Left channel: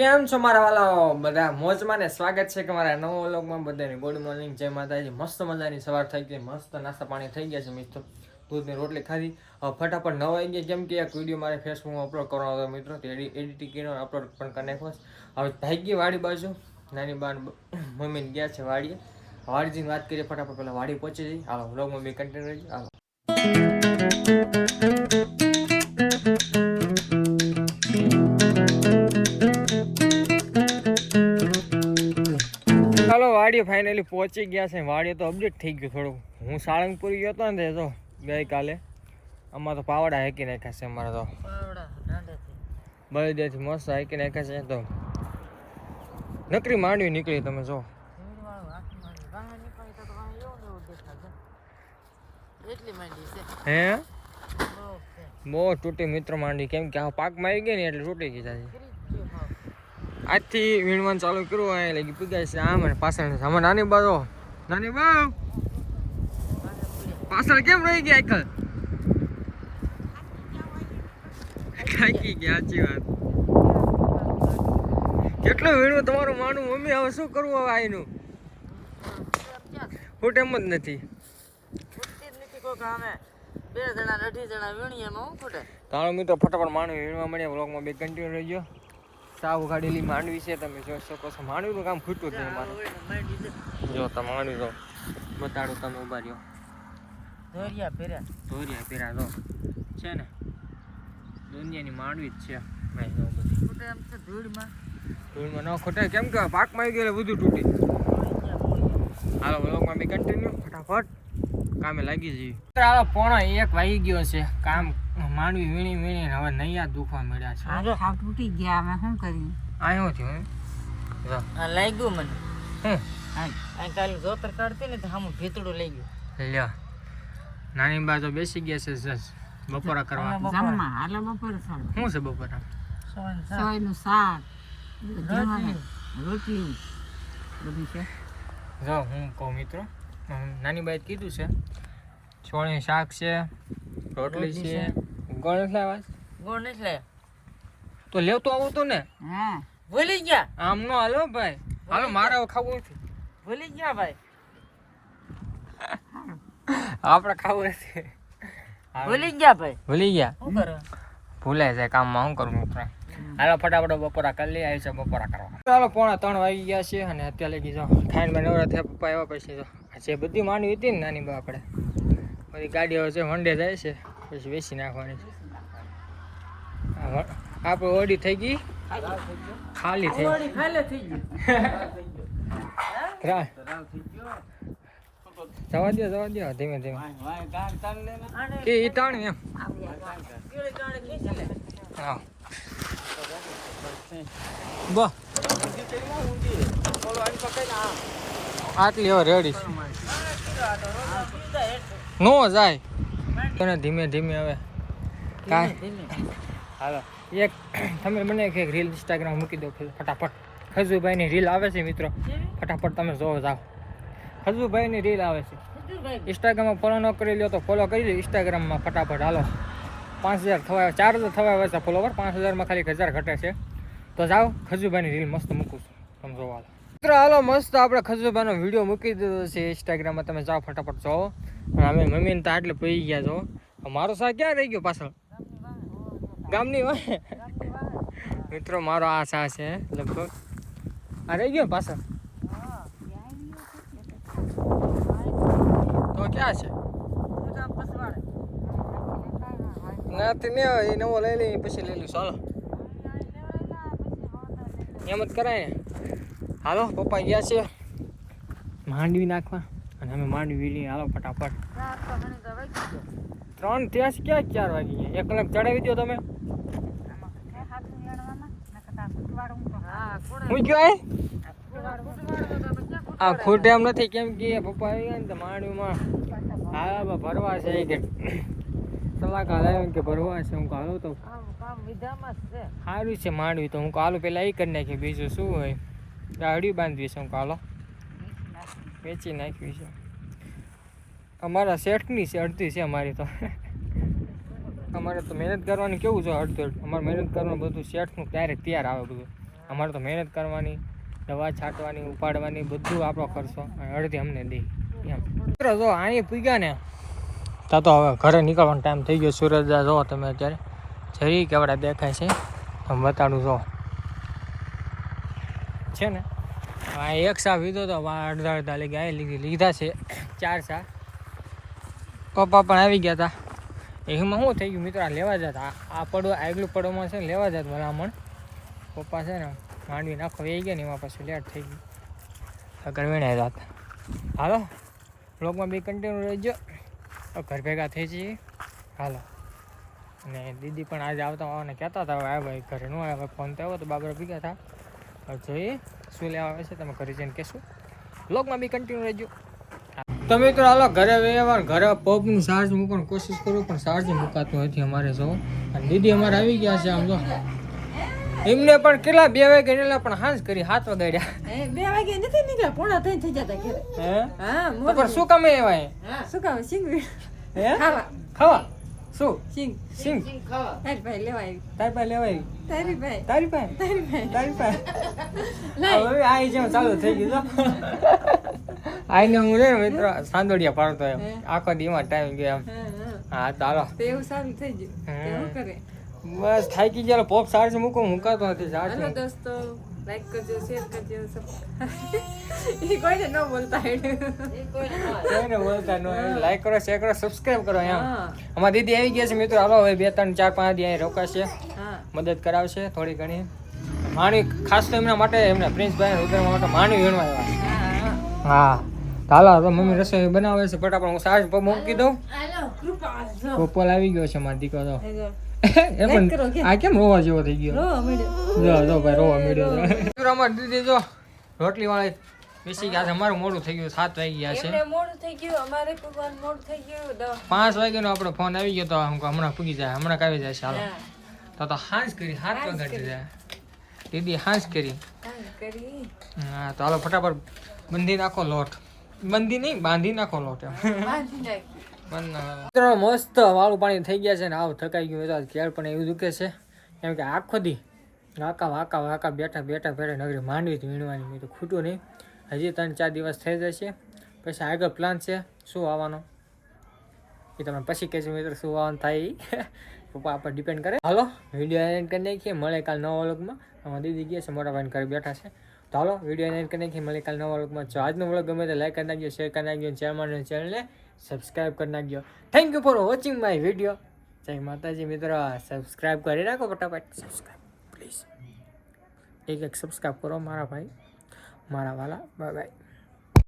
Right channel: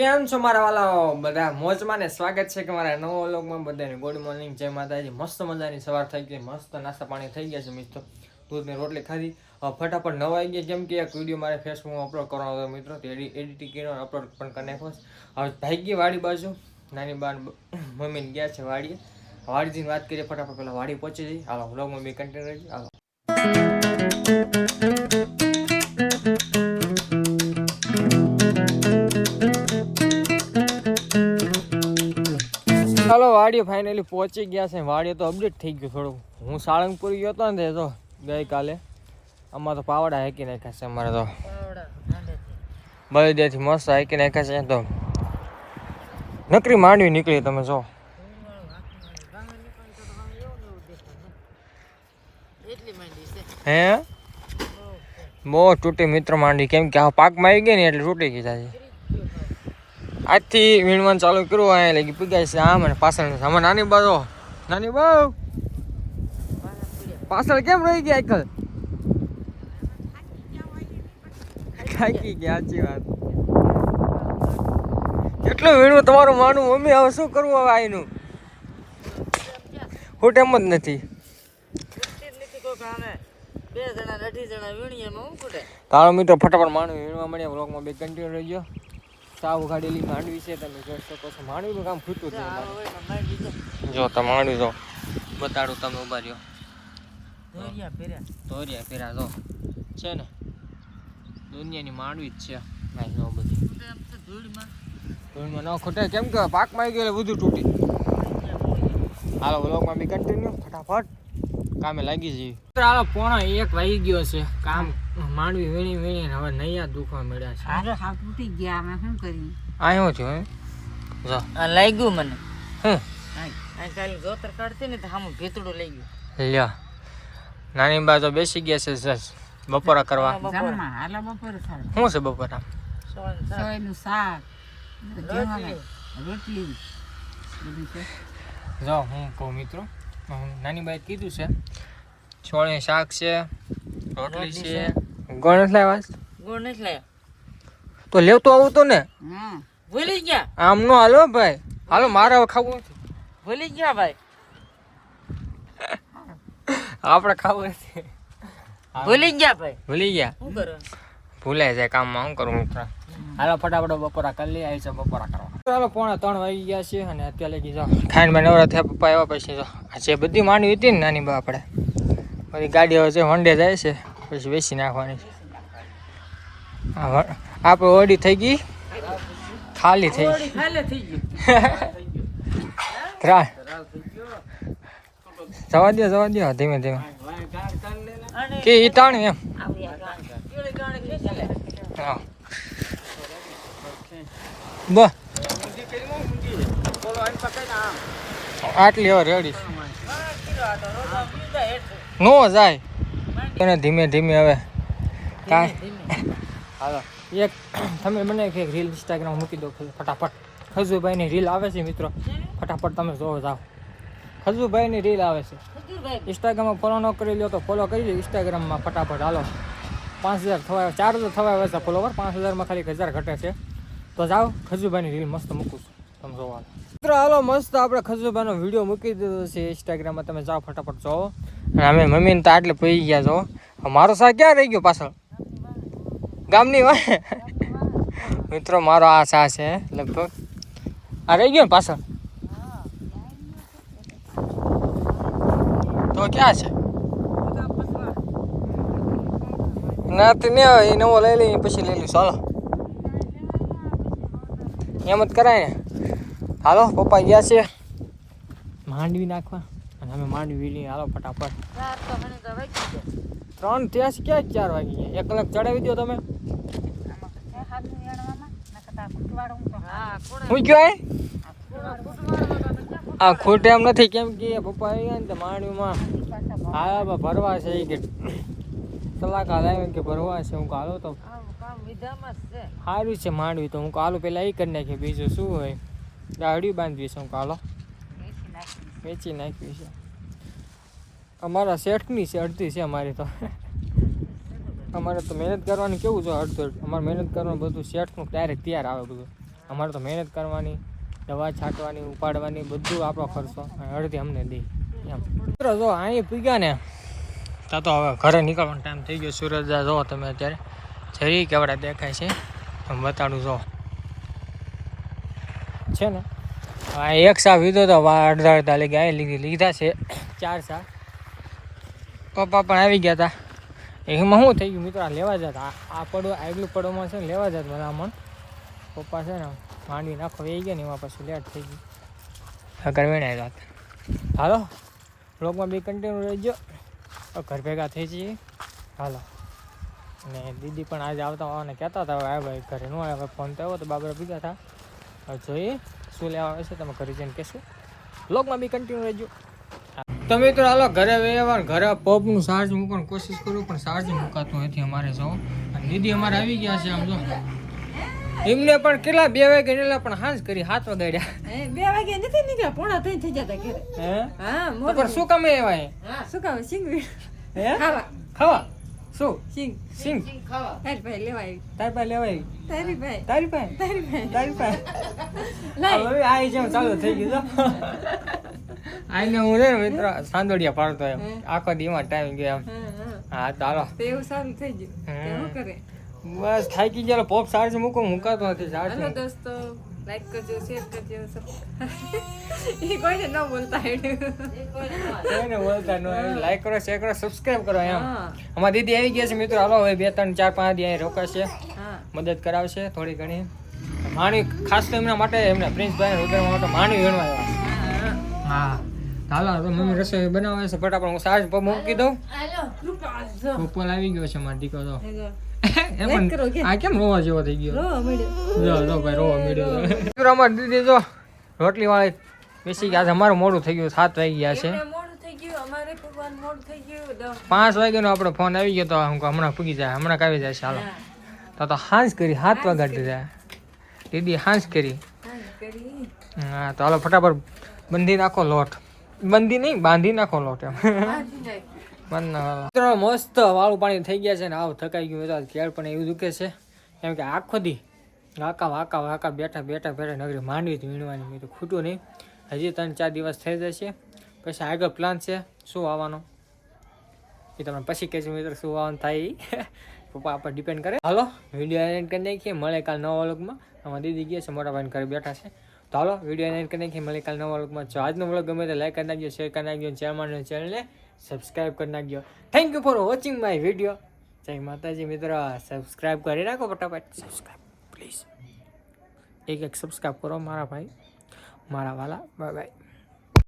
કેમ છો મારા વાલા બધા મોજમાં ને સ્વાગત છે કે મારા નવા વ્લોગમાં બધાને ગુડ મોર્નિંગ જય માતાજી। મસ્ત મજાની સવાર થઈ ગઈ, મસ્ત નાસ્તા પાણી થઈ ગયા છે મિત્રો। દૂધની રોટલી ખાધી, ફટાફટ નવાઈ ગયા કેમ કે એક વિડીયો મારે ફેસબુકમાં અપલોડ કરવાનો હતો મિત્રો, તો એડિટિંગ કરીને અપલોડ પણ કરી નાખ્યો। હવે ભાઈ ગઈ વાડી બાજુ, નાની બાન મમ્મીને ગયા છે વાડીએ। વાડી જઈને વાત કરીએ ફટાફટ, પેલા વાડી પહોંચી જઈ। હાલો વ્લોગમાં બી કન્ટિન્યુ રહેજો। હાલો ચાલો વાડીએ ફાઇનલી પહોંચી ગયા છે। વાડીએ તો અપડેટ થઈ ગયું થોડું। હું સાળંગપુર ગયો હતો ને તો ગઈકાલે આમાં તો પાવડા હાકી નાખ્યા છે અમારે તો, બળદિયાથી મસ્ત હાકી નાખ્યા છે। તો નકરી માંડવી નીકળી, તમે જો હે બહુ તૂટી મિત્ર માંડવી, કેમ કે આ પાકમાં આવી ગઈ ને એટલે તૂટી ગઈ છે। આજથી વીણવાનું ચાલુ કર્યું, અહીંયા લગી પીગાય છે આમ અને પાછળ આમાં નાની બાજુ નાની બાવ પાછળ કેમ રહી ગયા આખલ થાકી ગયા। સાચી વાત, કેટલું વીણવું તમારું માનું મમ્મી? હવે શું કરવું હવે આનું હું એમ જ નથી। તારો મિત્રો ફટાફટ માંડવી વીણવા મળ્યા। વ્લોગમાં બે કન્ટિન્યુ રહી ગયો। સાવ ઉઘાડેલી માંડવી છે, તમે જોઈ શકો છો। માંડવીનું કામ ખૂટતું જ નહીં મારે। જો તમે માંડવી જો બતાડું, તમે ઉભા રહ્યો। ધોરિયા પેરા જો છે ને, દુનિયાની માંડવી જ છે। ધૂળમાં ન ખૂટે, કેમ કે પાકમાં આવી ગયેલું બધું તૂટી। હાલો વ્લોગમાં બી કન્ટિન્યુ, ફટાફટ કામે લાગી જઈએ। હાલો 1:15 વાગી ગયો છે, કામ માંડવી વીણી વીણી હવે નૈયા દુખવા મળ્યા છે। અરે હા તૂટી ગયા, અમે શું કરી આવ્યો છો જો આ લાગ્યું મને હે આ કાલે જોતર કાઢતી ને તો હામું ભીતડું લઈ ગયું લ્યા। નાની બાજુ બેસી ગયા છે સસ બપોરા કરવા। જમવા હાલો બપોરે ખાવા શું છે બપોરા? સોયનું શાક, રોટલી બધું છે। જો હું કહું મિત્રો, નાની બાઈ કીધું છે છોળે શાક છે, રોટલી છે। ગોળ નથી લાવ્યા? ગોળ નથી લાવ્યા તો લેવતો આવું તો ને, ભૂલી ગયા। આમ નો હાલો ભાઈ, હાલો મારે હવે ખાવું નથી। ભૂલી ગયા ભાઈ, આપણે ખાવું નથી। ભૂલી ગયા ભાઈ, ભૂલી ગયા? શું કરો? ભૂલાય જાય કામમાં, શું કરું મિત્ર? હાલો ફટાફટ બપોરા કરી લઈ, આવી છે બપોરા કરવા। ચાલો 2:45 વાગી ગયા છે અને અત્યારે લગી જાઓ ખાઈને મેં નવરા થયા પપ્પા એવા પછી જો આ જે બધી માંડવી હતી ને નાની બા આપણે બધી ગાડી હવે છે વંડે જાય છે, પછી બેસી નાખવાની છે। આપણે ઓડી થઈ ગઈ, ખાલી થઈ ગઈ, ખાલી થઈ ગયું। જવા દો ધીમે ધીમે કે ઈ તાણી એમ હા બો આટલી હવે રેડી નો જાય તને ધીમે ધીમે હવે કાંઈ હાલો એક તમે મને એક રીલ ઇન્સ્ટાગ્રામ મૂકી દો ફટાફટ। ખજુભાઈની રીલ આવે છે મિત્રો, ફટાફટ તમે જોવો જાઓ। ખજુભાઈની રીલ આવે છે, ઇન્સ્ટાગ્રામમાં ફોલો ન કરી લો તો ફોલો કરી દો ઇન્સ્ટાગ્રામમાં ફટાફટ। હાલો 5000 થવા 4000 થવા આવે છે ફોલોવર, 5000માં ખાલી 1000 ઘટે છે। તો જાઓ ખજુભાઈની રીલ મસ્ત મૂકું છું, તમે જોવા મિત્રો। હાલો મસ્ત આપણે ખજુભાઈનો વિડીયો મૂકી દીધો છે ઇન્સ્ટાગ્રામમાં, તમે જાઓ ફટાફટ જોવો। અને અમે મમ્મીને તો આટલે પી ગયા છો। મારો સા ક્યાં રહી ગયો પાછળ? ગામની વાત મિત્રો, મારો આ સા છે લગભગ આ રહી ગયો ને પાછળ, તો ક્યાં છે? નથી ને એ નવો લઈ લઈ પછી લઈ લઈશ। ચાલો એમ જ કરાય ને। હાલો પપ્પા ગયા છે માંડવી નાખવા અને અમે માંડવી વીણી। હાલો ફટાફટ 3 ત્યાં ક્યાં 4 વાગી ગયા? 1 કલાક ચડાવી દો તમે। હું કયો આ ખોટે એમ નથી, કેમ કે પપ્પા આવી ગયા ને તો માંડવીમાં હા ભરવા છે કે સલાકા લાવી કે ભરવા છે। હું હાલો તો સારું છે માંડવી, તો હું હાલો પેલા એ કરી નાખી, બીજું શું હોય? ગાડી બાંધવી છે, હું હાલો વેચી નાખવી છે। અમારા શેઠની છે, અડધી છે અમારી તો। અમારે તો મહેનત કરવાની કેવું છે, અડધો અમારે મહેનત કરવાનું બધું શેઠનું ત્યારે તૈયાર આવે બધું। અમારે તો મહેનત કરવાની, દવા છાંટવાની, ઉપાડવાની, બધું આપણો ખર્ચો અને અડધી અમને દે એમ. મિત્રો જો અહીં પૂગ્યા ને ત્યાં તો હવે ઘરે નીકળવાનો ટાઈમ થઈ ગયો. સૂરજ જો તમે અત્યારે જરી કેવડા દેખાય છે તમે બતાડું જો છે ને. હા, એક સા લીધો તો અડધા અડધા લઈ ગયા લીધા છે 4 સા. પપ્પા પણ આવી ગયા હતા. એમાં શું થઈ ગયું મિત્રો, આ લેવા જતા આ પડો આગલું પડોમાં છે ને લેવા જતા ભલામણ પપ્પા છે ને માંડવી નાખો એ ગયા ને એમાં પછી લેટ થઈ ગઈ આગળ વેણાય જાત. હાલો બ્લોગમાં બી કન્ટિન્યુ રહેજો. ઘર ભેગા થઈ જઈએ હાલો. અને દીદી પણ આજે આવતા હોવાને કહેતા હતા, હવે ભાઈ ઘરે ન આવે. ફોન તો આવ્યો તો બાબરા ભેગા હતા. હવે જોઈએ શું લેવા આવે છે તમે ઘરે જઈને કહેશું. બ્લોગમાં બી કન્ટિન્યુ રહેજો. તો મિત્રો હાલો ઘરે વ્યવહાર ઘરે પબનું ચાર્જ મૂકવાની કોશિશ કરું પણ ચાર્જ મુકાતું નથી અમારે. જો અને દીદી અમારે આવી ગયા છે. આમ જો એમને પણ કેટલા 2 વાગે નીકળ્યા પણ હાંજ કરી 7 વાગ્યા. 2 વાગે નથી નીકળ્યા, પોણા 3 થઈ જતા ઘરે. હે હા તો પણ શું કામે એવાય? હા શું કામ સિંગ હે ખાવા ખાવા શું સિંગ સિંગ ખાવા તારી ભાઈ લેવા આવી. તારી પાસે લેવાય? તારી ભાઈ તારી પાસે? તારી ભાઈ તારી પાસે લાઈ. હવે આ જેમ ચાલુ થઈ ગયું તો આઈને હું રે મિત્રો સાંદોડિયા પાડતો એમ આખો દીમાં ટાઈમ ગયો એમ. હા હા હા તો હાલો તો એવું સારું થઈ ગયું. તો શું કરે? બસ થાકી ગયેલો. પોપ ચાર્જ મુકાતો નથી ચાર્જ. હાલો દોસ્તો, લાઈક કરજો, શેર કરજો. એ કોઈને ન બોલતા કોઈને બોલતા ન લાઈક કરો, શેર કરો, સબસ્ક્રાઇબ કરો એમ. હા અમારી દીદી આવી ગયા છે મિત્રો. હાલો હવે 2 3 4 5 દી અહીં રોકાશે, હા મદદ કરાવશે થોડી ઘણી. માણી ખાસ તો એમના માટે એમના પ્રિન્સભાઈ રુદ્રમા માટે માણી વીણવા આવ્યા. હા હા હાલો તો મમ્મી રસોઈ બનાવે છે ફટાફટ હું ચાર્જ પર મૂકી દઉં. હાલો કૃપા જો પોપલ આવી ગયો છે મારો દીકરો તો. એ લાઈક કરો કે? પણ આ કેમ રોવા જેવો થઈ ગયો? રો મળ્યો. જો જો ભાઈ રોવા મળ્યો. મિત્રો અમારી દીદી જો રોટલી વાળી બેસી ગયા છે. અમારું મોડું થઈ ગયું, 7 વાગી ગયા છે. એમને મોડું થઈ ગયું, અમારે ભગવાન મોડું થઈ ગયું. 5 વાગ્યાનો આપણો ફોન આવી ગયો તો હું કહું હમણાં પૂગી જાય, હમણાં આવી જાય છે. હાલો તો હાંસ કરી 7 વાગાડી જાય દીદી હાંસ કરી. કરી હા તો હાલો ફટાફટ બંધી નાખો લોટ. બંધી નહીં બાંધી નાખો લોટ એમ. બાંધી નાખી. મિત્રો મસ્ત વાળું પાણી થઈ ગયા છે ને આવ થકાઈ ગયું તો કેળ પણ એવું દુખે છે કેમ કે આખો દી વાકા બેઠા નગરી માંડવી જ વીણવાની. મેં તો ખૂટું નહીં, હજી 3 4 દિવસ થઈ જશે. પછી આગળ પ્લાન છે શું આવવાનો એ તમને પછી કહેજો મિત્રો. શું આવવાનું થાય પપ્પા આપણે ડિપેન્ડ કરે. હાલો વિડીયો એન્ડ કરી નાખીએ, મળે કાલ નવા વ્લોગમાં. અમારા દીદી ગયા છે, મોટા ભાઈને ઘરે બેઠા છે. તો હાલો વિડીયો એન્ડ કરી નાખીએ, મળે કાલ નવા વ્લોગમાં. જો આજનો વ્લોગ ગમે તો લાઈક કરી નાખજો, શેર કરી નાખજો, ચેનલને સબસ્ક્રાઇબ કરી નાખજો. Thank you for watching my video. જય માતાજી મિત્રો. સબસ્ક્રાઇબ કરી નાખો ફટાફટ, સબસ્ક્રાઇબ પ્લીઝ. એક સબસ્ક્રાઇબ કરો મારા ભાઈ, મારા વાલા. Bye bye.